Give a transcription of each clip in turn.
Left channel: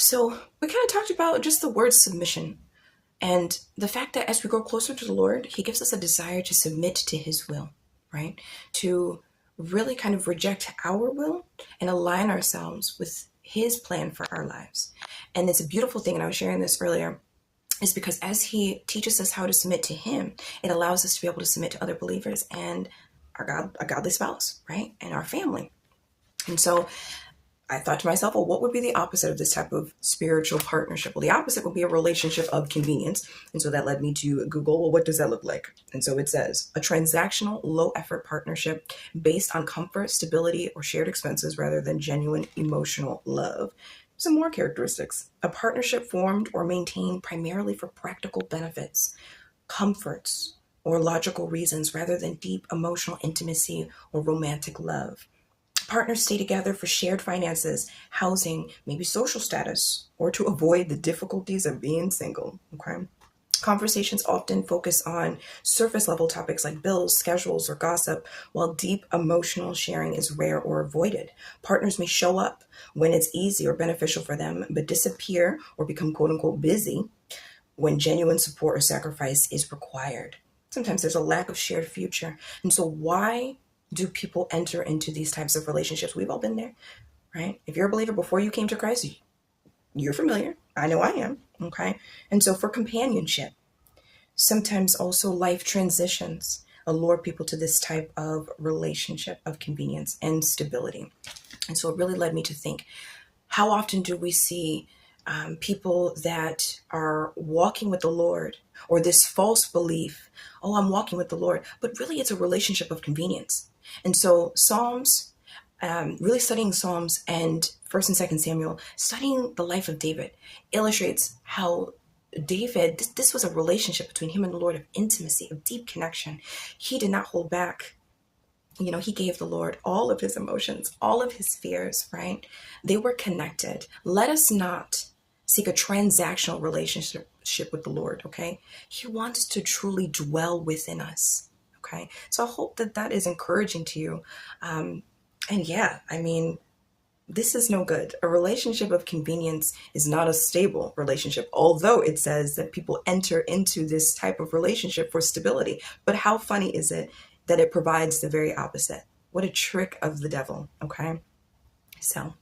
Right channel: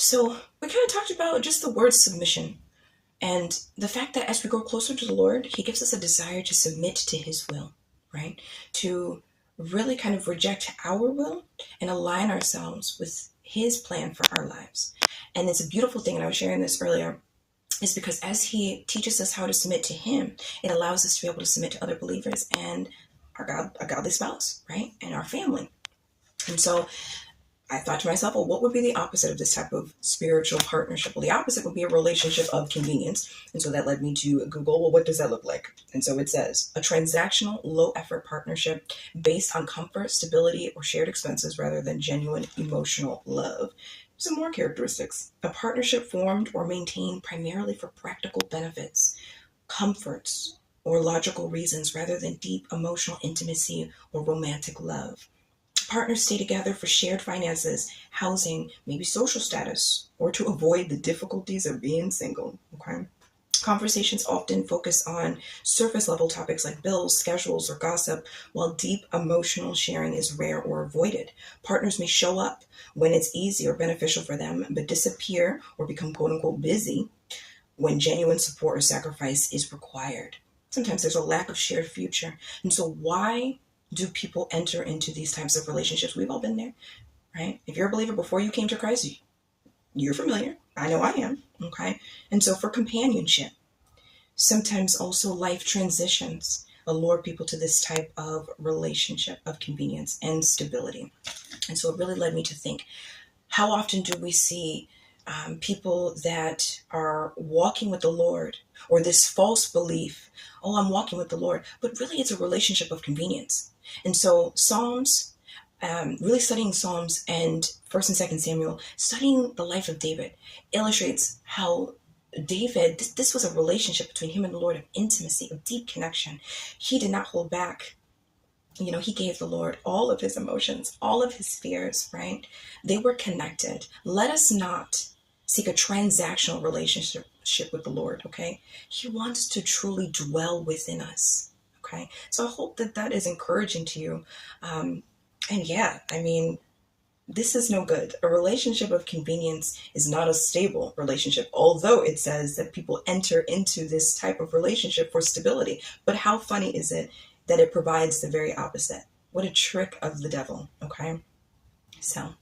So we kind of talked about just the word submission and the fact that as we grow closer to the Lord, He gives us a desire to submit to His will, right? To really kind of reject our will and align ourselves with His plan for our lives. And it's a beautiful thing, and I was sharing this earlier, is because as He teaches us how to submit to Him, it allows us to be able to submit to other believers and our God, a godly spouse, right? And our family. And so I thought to myself, well, what would be the opposite of this type of spiritual partnership? Well, the opposite would be a relationship of convenience. And so that led me to Google, well, what does that look like? And so it says a transactional, low effort partnership based on comfort, stability, or shared expenses rather than genuine emotional love. Some more characteristics. A partnership formed or maintained primarily for practical benefits, comforts, or logical reasons rather than deep emotional intimacy or romantic love. Partners stay together for shared finances, housing, maybe social status, or to avoid the difficulties of being single. Okay. Conversations often focus on surface level topics like bills, schedules, or gossip, while deep emotional sharing is rare or avoided. Partners may show up when it's easy or beneficial for them, but disappear or become quote unquote busy when genuine support or sacrifice is required. Sometimes there's a lack of shared future. And so, why do people enter into these types of relationships? We've all been there, right? If you're a believer before you came to Christ, you're familiar. I know I am, okay? And so, for companionship, sometimes also life transitions allure people to this type of relationship of convenience and stability. And so, it really led me to think, how often do we see people that are walking with the Lord, or this false belief, oh, I'm walking with the Lord, but really it's a relationship of convenience. And so Psalms, really studying Psalms and First and Second Samuel, studying the life of David illustrates how David, this was a relationship between him and the Lord of intimacy, of deep connection. He did not hold back. He gave the Lord all of his emotions, all of his fears, right? They were connected. Let us not seek a transactional relationship with the Lord, okay? He wants to truly dwell within us, okay? So I hope that that is encouraging to you. And yeah, I mean, this is no good. A relationship of convenience is not a stable relationship, although it says that people enter into this type of relationship for stability. But how funny is it that it provides the very opposite? What a trick of the devil, okay? So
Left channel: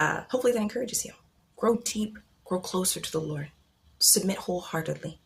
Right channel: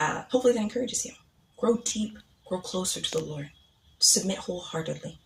hopefully that encourages you. Grow deep, grow closer to the Lord. Submit wholeheartedly.